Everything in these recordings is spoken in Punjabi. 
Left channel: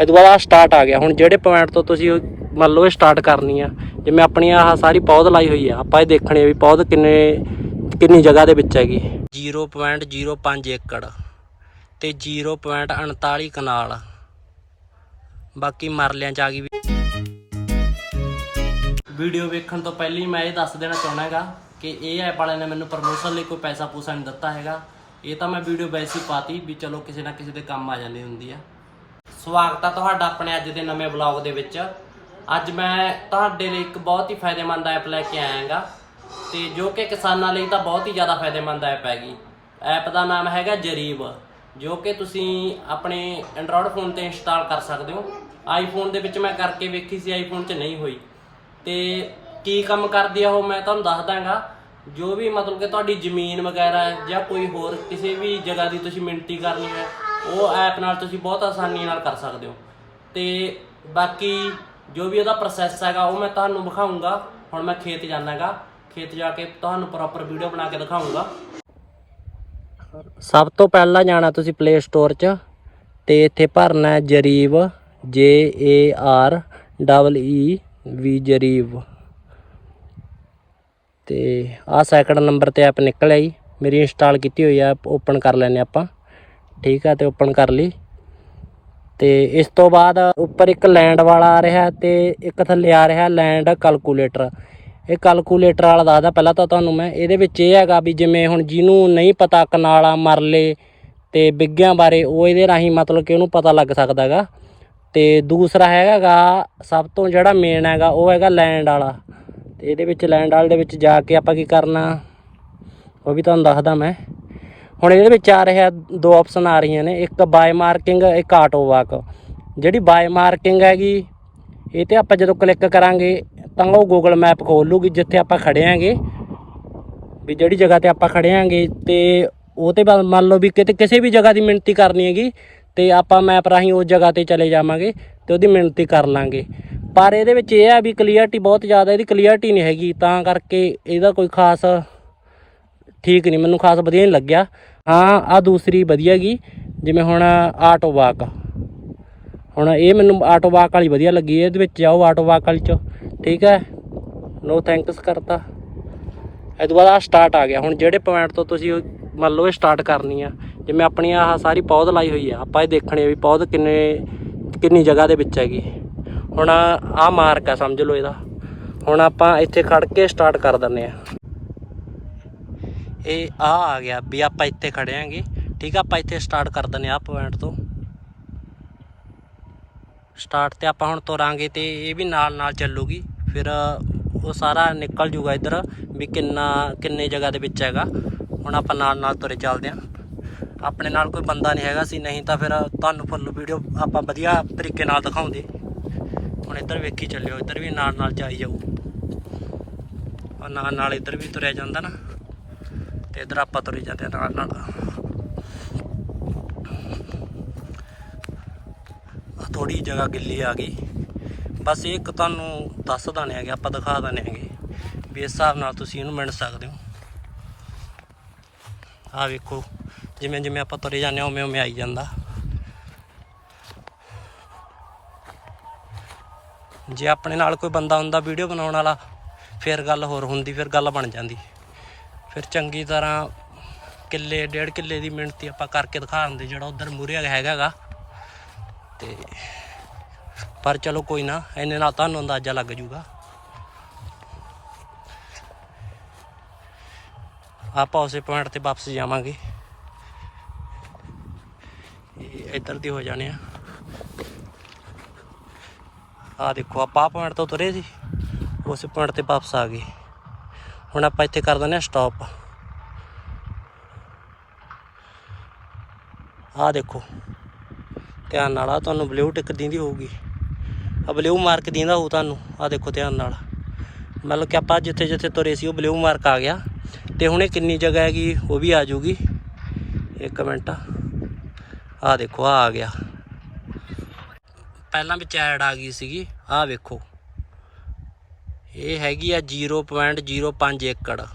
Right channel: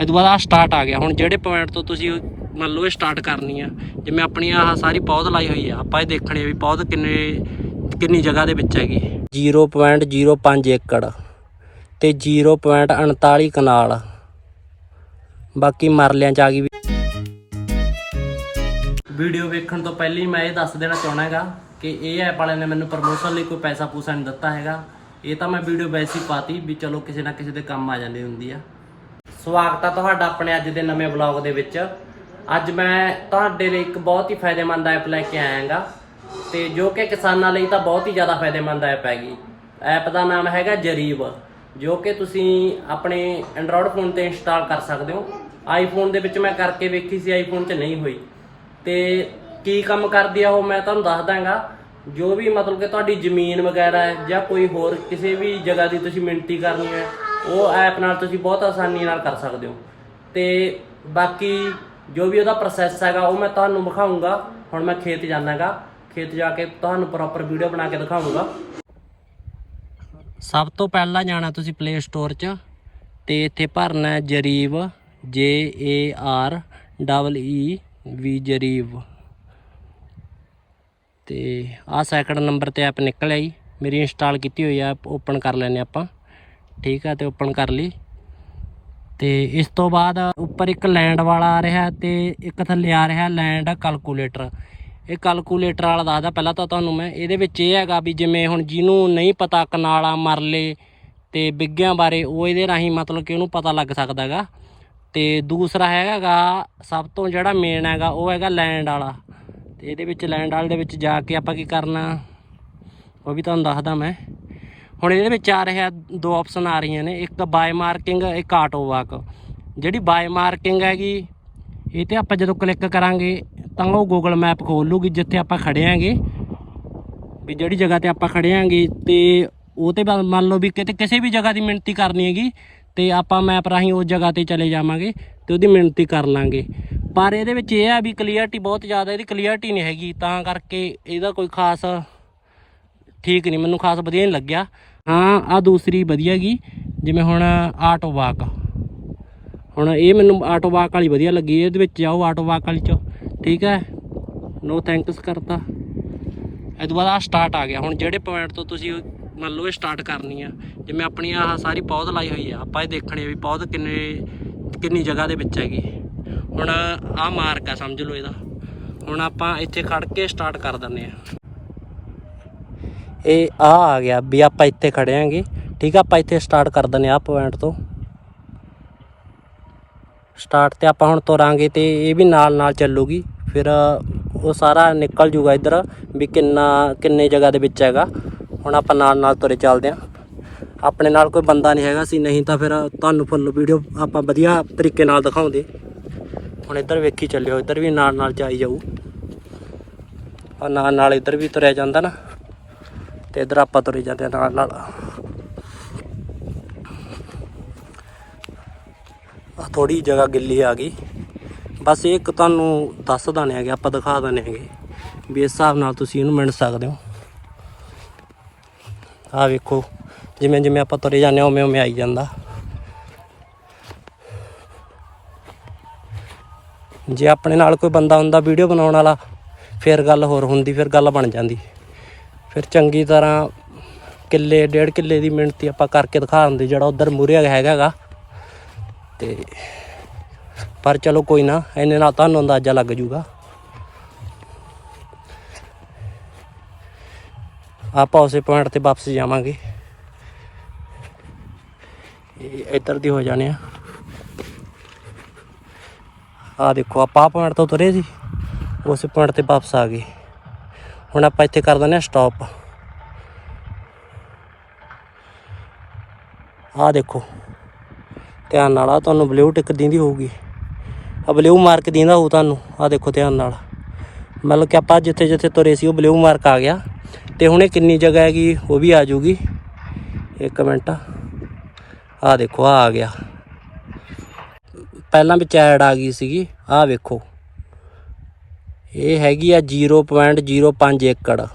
ਇਹ ਤੋਂ ਬਾਅਦ ਆ ਸਟਾਰਟ ਆ ਗਿਆ। ਹੁਣ ਜਿਹੜੇ ਪੁਆਇੰਟ ਤੋਂ ਤੁਸੀਂ ਮੰਨ ਲਓ ਇਹ ਸਟਾਰਟ ਕਰਨੀ ਆ ਜਿਵੇਂ ਆਪਣੀ ਆਹ ਸਾਰੀ ਪੌਦ ਲਾਈ ਹੋਈ ਆ ਆਪਾਂ ਇਹ ਦੇਖਣੀ ਆ ਵੀ ਪੌਦ ਕਿੰਨੇ ਕਿੰਨੀ ਜਗ੍ਹਾ ਦੇ ਵਿੱਚ ਹੈਗੀ। 0.05 ਏਕੜ ਤੇ 0.39 ਕਨਾਲ। ਬਾਕੀ ਮਰਲਿਆਂ ਚ ਆ ਗਈ ਵੀਡੀਓ ਵੇਖਣ ਤੋਂ ਪਹਿਲਾਂ ਹੀ ਮੈਂ ਇਹ ਦੱਸ ਦੇਣਾ ਚਾਹਣਾ ਹੈਗਾ ਕਿ ਇਹ ਐਪ ਵਾਲਿਆਂ ਨੇ ਮੈਨੂੰ ਪ੍ਰਮੋਸ਼ਨ ਲਈ ਕੋਈ ਪੈਸਾ ਪੂਸਾ ਨਹੀਂ ਦਿੱਤਾ ਹੈਗਾ। ਇਹ ਤਾਂ ਮੈਂ ਵੀਡੀਓ ਵੈਸੇ ਹੀ ਪਾਤੀ ਵੀ ਚਲੋ ਕਿਸੇ ਨਾ ਕਿਸੇ ਦੇ ਕੰਮ ਆ ਜਾਂਦੀ ਹੁੰਦੀ ਆ। ਸਵਾਗਤ ਆ ਤੁਹਾਡਾ ਆਪਣੇ ਅੱਜ ਦੇ ਨਵੇਂ ਵਲੌਗ ਦੇ ਵਿੱਚ। ਅੱਜ ਮੈਂ ਤੁਹਾਡੇ ਲਈ ਇੱਕ ਬਹੁਤ ਹੀ ਫਾਇਦੇਮੰਦ ਐਪ ਲੈ ਕੇ ਆਇਆ ਹਾਂਗਾ ਤੇ ਜੋ ਕਿ ਕਿਸਾਨਾਂ ਲਈ ਤਾਂ ਬਹੁਤ ਹੀ ਜ਼ਿਆਦਾ ਫਾਇਦੇਮੰਦ ਐਪ ਹੈਗੀ। ਐਪ ਦਾ ਨਾਮ ਹੈਗਾ ਜਰੀਬ, ਜੋ ਕਿ ਤੁਸੀਂ ਆਪਣੇ ਐਂਡਰੋਇਡ ਫੋਨ ਤੇ ਇੰਸਟਾਲ ਕਰ ਸਕਦੇ ਹੋ। ਆਈਫੋਨ ਦੇ ਵਿੱਚ ਮੈਂ ਕਰਕੇ ਵੇਖੀ ਸੀ ਆਈਫੋਨ 'ਚ ਨਹੀਂ ਹੋਈ। ਤੇ ਕੀ ਕੰਮ ਕਰਦੀ ਆ ਉਹ ਮੈਂ ਤੁਹਾਨੂੰ ਦੱਸ ਦਾਂਗਾ। ਜੋ ਵੀ ਮਤਲਬ ਕਿ ਤੁਹਾਡੀ ਜ਼ਮੀਨ ਵਗੈਰਾ ਹੈ ਜਾਂ ਕੋਈ ਹੋਰ ਕਿਸੇ ਵੀ ਜਗ੍ਹਾ ਦੀ ਤੁਸੀਂ ਮਿਣਤੀ ਕਰਨੀ ਹੈ ਉਹ ਐਪ ਨਾਲ ਤੁਸੀਂ ਬਹੁਤ ਆਸਾਨੀ ਨਾਲ ਕਰ ਸਕਦੇ ਹੋ। ਤੇ ਬਾਕੀ ਜੋ ਵੀ ਉਹਦਾ ਪ੍ਰੋਸੈਸ ਹੈਗਾ, ਉਹ ਮੈਂ ਤੁਹਾਨੂੰ ਵਿਖਾਉਂਗਾ ਹੁਣ ਮੈਂ ਖੇਤ ਜਾਣਾਗਾ। ਖੇਤ ਜਾ ਕੇ ਤੁਹਾਨੂੰ ਪ੍ਰੋਪਰ ਵੀਡੀਓ ਬਣਾ ਕੇ ਦਿਖਾਉਂਗਾ ਸਭ ਤੋਂ ਪਹਿਲਾਂ ਜਾਣਾ ਤੁਸੀਂ ਪਲੇ ਸਟੋਰ 'ਚ। ਤੇ ਇੱਥੇ ਭਰਨਾ ਹੈ ਜਰੀਬ J A R double E ਵੀ ਜਰੀਬ। ਤੇ ਆਹ ਸੈਕਿੰਡ ਨੰਬਰ ਤੇ ਐਪ ਨਿਕਲ ਆਈ ਮੇਰੀ ਇੰਸਟਾਲ ਕੀਤੀ ਹੋਈ ਐਪ ਓਪਨ ਕਰ ਲੈਨੇ ਆਪਾਂ। ਠੀਕ ਆ ਤੇ ਓਪਨ ਕਰ ਲਈ। ਤੇ ਇਸ ਤੋਂ ਬਾਅਦ ਉੱਪਰ ਇੱਕ ਲੈਂਡ ਵਾਲਾ ਆ ਰਿਹਾ ਤੇ ਇੱਕ ਥੱਲੇ ਆ ਰਿਹਾ ਲੈਂਡ ਕੈਲਕੂਲੇਟਰ। ਇਹ ਕੈਲਕੂਲੇਟਰ ਵਾਲਾ ਦੱਸਦਾ ਪਹਿਲਾਂ ਤਾਂ ਤੁਹਾਨੂੰ ਮੈਂ, ਇਹਦੇ ਵਿੱਚ ਇਹ ਹੈਗਾ ਵੀ ਜਿਵੇਂ ਹੁਣ ਜਿਹਨੂੰ ਨਹੀਂ ਪਤਾ ਕਨਾਲਾ, ਮਰਲੇ ਤੇ ਬਿੱਗਿਆਂ ਬਾਰੇ, ਉਹ ਇਹਦੇ ਰਾਹੀਂ ਮਤਲਬ ਕਿ ਉਹਨੂੰ ਪਤਾ ਲੱਗ ਸਕਦਾ ਹੈਗਾ। ਤੇ ਦੂਸਰਾ ਹੈਗਾਗਾ ਸਭ ਤੋਂ ਜਿਹੜਾ ਮੇਨ ਹੈਗਾ, ਉਹ ਹੈਗਾ ਲੈਂਡ ਵਾਲਾ। ਤੇ ਇਹਦੇ ਵਿੱਚ ਲੈਂਡ ਵਾਲੇ ਦੇ ਵਿੱਚ ਜਾ ਕੇ ਆਪਾਂ ਕੀ ਕਰਨਾ, ਉਹ ਵੀ ਤੁਹਾਨੂੰ ਦੱਸਦਾ ਮੈਂ। ਹੁਣ ਇਹਦੇ ਵਿੱਚ ਆ ਰਿਹਾ ਦੋ ਆਪਸ਼ਨ ਆ ਰਹੀਆਂ ਨੇ, ਇੱਕ ਬਾਏ ਮਾਰਕਿੰਗ, ਇੱਕ ਆਟੋ ਵਾਕ। ਜਿਹੜੀ ਬਾਏ ਮਾਰਕਿੰਗ ਹੈਗੀ, ਇਹ ਤੇ ਆਪਾਂ ਜਦੋਂ ਕਲਿੱਕ ਕਰਾਂਗੇ, ਤਾਂ ਉਹ ਗੂਗਲ ਮੈਪ ਖੋਲ ਲੂਗੀ ਜਿੱਥੇ ਆਪਾਂ ਖੜੇ ਆਂਗੇ ਵੀ ਜਿਹੜੀ ਜਗ੍ਹਾ ਤੇ ਆਪਾਂ ਖੜੇ ਆਂਗੇ ਤੇ ਉਹ ਤੇ ਮੰਨ ਲਓ ਵੀ ਕਿਤੇ ਕਿਸੇ ਵੀ ਜਗ੍ਹਾ ਦੀ ਮਿਣਤੀ ਕਰਨੀ ਹੈਗੀ, ਤੇ ਆਪਾਂ ਮੈਪ ਰਾਹੀਂ ਉਸ ਜਗ੍ਹਾ ਤੇ ਚਲੇ ਜਾਵਾਂਗੇ ਤੇ ਉਹਦੀ ਮਿਣਤੀ ਕਰ ਲਾਂਗੇ। ਪਰ ਇਹਦੇ ਵਿੱਚ ਇਹ ਆ ਵੀ ਕਲੀਅਰਟੀ ਬਹੁਤ ਜ਼ਿਆਦਾ, ਇਹਦੀ ਕਲੀਅਰਟੀ ਨਹੀਂ ਹੈਗੀ, ਤਾਂ ਕਰਕੇ ਇਹਦਾ ਕੋਈ ਖਾਸ ਠੀਕ ਨਹੀਂ, ਮੈਨੂੰ ਖਾਸ ਵਧੀਆ ਨਹੀਂ ਲੱਗਿਆ। ਹਾਂ ਆ ਦੂਸਰੀ ਵਧੀਆ ਗਈ ਜਿਵੇਂ ਹੁਣ ਆਟੋ ਵਾਕ ਹੁਣ ਇਹ ਮੈਨੂੰ ਆਟੋ ਵਾਕ ਵਾਲੀ ਵਧੀਆ ਲੱਗੀ, ਇਹਦੇ ਵਿੱਚ ਜਾਓ ਆਟੋ ਵਾਕ ਵਾਲੀ ਚ, ਠੀਕ ਹੈ? ਨੋ ਥੈਂਕਸ ਕਰਤਾ। ਇਹ ਤੋਂ ਬਾਅਦ ਆ ਸਟਾਰਟ ਆ ਗਿਆ। ਹੁਣ ਜਿਹੜੇ ਪੁਆਇੰਟ ਤੋਂ ਤੁਸੀਂ ਮੰਨ ਲਓ ਇਹ ਸਟਾਰਟ ਕਰਨੀ ਆ, ਜਿਵੇਂ ਆਪਣੀ ਆਹ ਸਾਰੀ ਪੌਦ ਲਾਈ ਹੋਈ ਆ, ਆਪਾਂ ਇਹ ਦੇਖਣੇ ਵੀ ਪੌਦ ਕਿੰਨੇ, ਕਿੰਨੀ ਜਗ੍ਹਾ ਦੇ ਵਿੱਚ ਹੈਗੀ। ਹੁਣ ਆਹ ਮਾਰਕ ਆ, ਸਮਝ ਲਓ ਇਹਦਾ। ਹੁਣ ਆਪਾਂ ਇੱਥੇ ਖੜ ਕੇ ਸਟਾਰਟ ਕਰ ਦਿੰਨੇ ਆ। ਇਹ ਆ ਆ ਗਿਆ ਵੀ ਆਪਾਂ ਇੱਥੇ ਖੜੇ ਆਂਗੇ। ਠੀਕ ਆ, ਆਪਾਂ ਇੱਥੇ ਸਟਾਰਟ ਕਰ ਦਿੰਨੇ ਆ ਪੁਆਇੰਟ ਤੋਂ। ਸਟਾਰਟ ਤੇ ਆਪਾਂ ਹੁਣ ਤੁਰਾਂਗੇ ਤੇ ਇਹ ਵੀ ਨਾਲ ਨਾਲ ਚੱਲੂਗੀ। ਫਿਰ ਉਹ ਸਾਰਾ ਨਿਕਲ ਜੂਗਾ ਇੱਧਰ ਵੀ ਕਿੰਨਾ, ਕਿੰਨੇ ਜਗ੍ਹਾ ਦੇ ਵਿੱਚ ਹੈਗਾ। ਹੁਣ ਆਪਾਂ ਨਾਲ ਨਾਲ ਤੁਰੇ ਚੱਲਦੇ ਆਂ ਆਪਣੇ ਨਾਲ ਕੋਈ ਬੰਦਾ ਨਹੀਂ ਹੈਗਾ ਸੀ, ਨਹੀਂ ਤਾਂ ਫਿਰ ਤੁਹਾਨੂੰ ਫੁੱਲ ਵੀਡੀਓ ਆਪਾਂ ਵਧੀਆ ਤਰੀਕੇ ਨਾਲ ਦਿਖਾਉਂਦੇ। ਹੁਣ ਇੱਧਰ ਵੇਖੀ ਚੱਲਿਓ, ਇੱਧਰ ਵੀ ਨਾਲ ਨਾਲ ਜਾਈ ਜਾਊ। ਆ ਨਾਲ ਨਾਲ ਇੱਧਰ ਵੀ ਤੁਰਿਆ ਜਾਂਦਾ ਨਾ। ਤੇ ਇੱਧਰ ਆਪਾਂ ਤੁਰੇ ਜਾਂਦੇ ਹਾਂ ਨਾਲ ਨਾਲ। ਆ ਥੋੜੀ ਜਗ੍ਹਾ ਗਿੱਲੀ ਆ ਗਈ। ਬਸ ਇਹ ਇੱਕ ਤੁਹਾਨੂੰ ਦੱਸ ਦਨੇ ਹੈਗੇ, ਆਪਾਂ ਦਿਖਾ ਦਨੇ ਹੈਗੇ ਵੀ ਇਸ ਹਿਸਾਬ ਨਾਲ ਤੁਸੀਂ ਇਹਨੂੰ ਮਿਣ ਸਕਦੇ ਹੋ। ਆ ਵੇਖੋ, ਜਿਵੇਂ ਜਿਵੇਂ ਆਪਾਂ ਤੁਰੇ ਜਾਂਦੇ ਹਾਂ, ਉਵੇਂ ਉਵੇਂ ਆਈ ਜਾਂਦਾ। ਜੇ ਆਪਣੇ ਨਾਲ ਕੋਈ ਬੰਦਾ ਹੁੰਦਾ ਵੀਡੀਓ ਬਣਾਉਣ ਵਾਲਾ, ਫਿਰ ਗੱਲ ਹੋਰ ਹੁੰਦੀ, ਫਿਰ ਗੱਲ ਬਣ ਜਾਂਦੀ। ਫਿਰ ਚੰਗੀ ਤਰ੍ਹਾਂ ਕਿੱਲੇ, ਡੇਢ ਕਿੱਲੇ ਦੀ ਮਿਹਨਤੀ ਆਪਾਂ ਕਰਕੇ ਦਿਖਾ ਦਿੰਦੇ ਜਿਹੜਾ ਉਧਰ ਮੂਰੇ ਹੈਗਾਗਾ। ਤੇ ਪਰ ਚਲੋ ਕੋਈ ਨਾ, ਇੰਨੇ ਨਾਲ ਤੁਹਾਨੂੰ ਅੰਦਾਜ਼ਾ ਲੱਗ ਜੂਗਾ। ਆਪਾਂ ਉਸੇ ਪੁਆਇੰਟ ਤੇ ਵਾਪਸ ਜਾਵਾਂਗੇ। ਇੱਧਰ ਦੀ ਹੋ ਜਾਣੇ ਆ। ਆ ਦੇਖੋ, ਆਪਾਂ ਪੁਆਇੰਟ ਤੋਂ ਤੁਰੇ ਸੀ। ਉਸੇ ਪੁਆਇੰਟ ਤੇ ਵਾਪਸ ਆ ਗਏ। ਹੁਣ ਆਪਾਂ ਇੱਥੇ ਕਰ ਦਿੰਦੇ ਆ ਸਟਾਪ ਆਹ ਦੇਖੋ, ਧਿਆਨ ਨਾਲ ਆ ਤੁਹਾਨੂੰ ਬਲੂ ਟਿਕ ਦਿੰਦੀ ਹੋਊਗੀ। ਆ ਬਲੂ ਮਾਰਕ ਦਿੰਦਾ ਹੋਊ ਤੁਹਾਨੂੰ ਆ ਦੇਖੋ ਧਿਆਨ ਨਾਲ। ਮਤਲਬ ਕਿ ਆਪਾਂ ਜਿੱਥੇ ਜਿੱਥੇ ਤੁਰੇ ਸੀ, ਉਹ ਬਲੂ ਮਾਰਕ ਆ ਗਿਆ। ਤੇ ਹੁਣ ਇਹ ਕਿੰਨੀ ਜਗ੍ਹਾ ਹੈਗੀ, ਉਹ ਵੀ ਆ ਜਾਊਗੀ। ਇੱਕ ਮਿੰਟ। ਆ ਦੇਖੋ ਆ ਆ ਗਿਆ। ਪਹਿਲਾਂ ਵਿੱਚ ਐਡ ਆ ਗਈ ਸੀਗੀ ਆ ਵੇਖੋ। ਇਹ ਹੈਗੀ ਆ 0.05 ਏਕੜ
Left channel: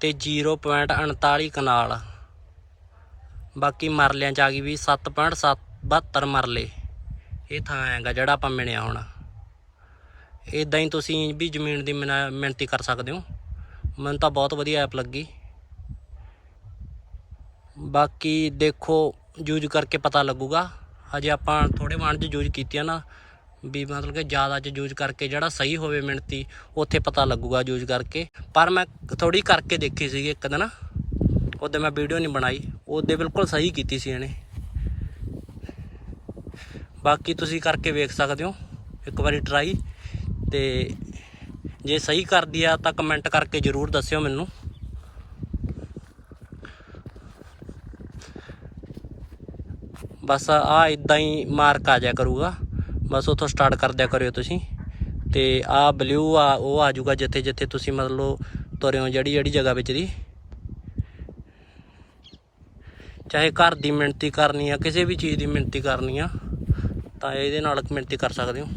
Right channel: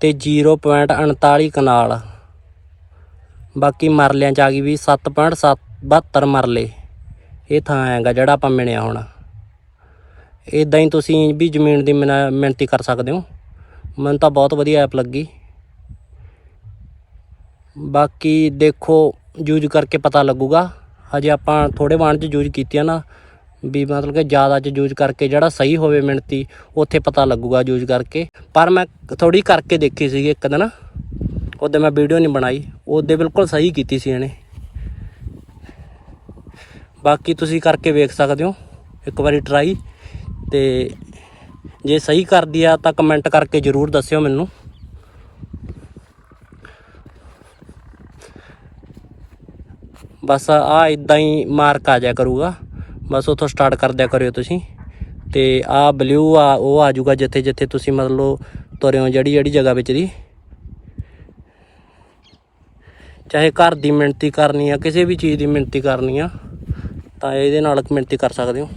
ਤੇ 0.39 ਕਨਾਲ। ਬਾਕੀ ਮਰਲਿਆਂ ਚ ਆ ਗਈ ਵੀ 7.72 ਮਰਲੇ। ਇਹ ਥਾਂ ਹੈਗਾ ਜਿਹੜਾ ਆਪਾਂ ਮਿਣਿਆ ਹੁਣ। ਇਦਾਂ ਹੀ ਤੁਸੀਂ ਵੀ ਜ਼ਮੀਨ ਦੀ ਮਿਣਾ- ਮਿਣਤੀ ਕਰ ਸਕਦੇ ਹੋ। ਮੈਨੂੰ ਤਾਂ ਬਹੁਤ ਵਧੀਆ ਐਪ ਲੱਗੀ। ਬਾਕੀ ਦੇਖੋ, ਯੂਜ਼ ਕਰਕੇ ਪਤਾ ਲੱਗੂਗਾ। ਹਜੇ ਆਪਾਂ ਥੋੜੇ ਵਾਣ 'ਚ ਯੂਜ਼ ਕੀਤੀਆਂ ਨਾ ਵੀ ਮਤਲਬ ਕਿ ਜ਼ਿਆਦਾ 'ਚ ਯੂਜ਼ ਕਰਕੇ ਜਿਹੜਾ ਸਹੀ ਹੋਵੇ ਮਿਣਤੀ ਉੱਥੇ ਪਤਾ ਲੱਗੂਗਾ ਯੂਜ਼ ਕਰਕੇ। ਪਰ ਮੈਂ ਥੋੜੀ ਕਰਕੇ ਦੇਖੀ ਸੀ ਇੱਕ ਦਿਨ। ਉਹਦੇ ਮੈਂ ਵੀਡੀਓ ਨਹੀਂ ਬਣਾਈ। ਉਹਦੇ ਬਿਲਕੁਲ ਸਹੀ ਕੀਤੀ ਸੀ ਇਹਨੇ। ਬਾਕੀ ਤੁਸੀਂ ਕਰਕੇ ਵੇਖ ਸਕਦੇ ਹੋ। ਇੱਕ ਵਾਰੀ ਟਰਾਈ ਤੇ ਜੇ ਸਹੀ ਕਰਦੀ ਆ ਤਾਂ ਕਮੈਂਟ ਕਰਕੇ ਜਰੂਰ ਦੱਸਿਓ ਮੈਨੂੰ। ਬਸ ਆ ਇਦਾਂ ਹੀ ਮਾਰਕ ਆ ਜਾਇਆ ਕਰੂਗਾ। ਬਸ ਉਥੋਂ ਸਟਾਰਟ ਕਰ ਦਿਆ ਕਰਿਓ ਤੁਸੀਂ। ਤੇ ਆ ਬਲੂ ਆ, ਉਹ ਆ ਜਾਊਗਾ ਜਿੱਥੇ ਜਿੱਥੇ ਤੁਸੀਂ ਮਤਲਬ ਤੁਰੇ ਹੋ ਜਿਹੜੀ ਜਿਹੜੀ ਜਗ੍ਹਾ ਵਿੱਚ ਦੀ। ਚਾਹੇ ਘਰ ਦੀ ਮਿਣਤੀ ਕਰਨੀ ਆ, ਕਿਸੇ ਵੀ ਚੀਜ਼ ਦੀ ਮਿਣਤੀ ਕਰਨੀ ਆ, ਤਾਂ ਇਹਦੇ ਨਾਲ ਮਿਣਤੀ ਕਰ ਸਕਦੇ ਹੋ।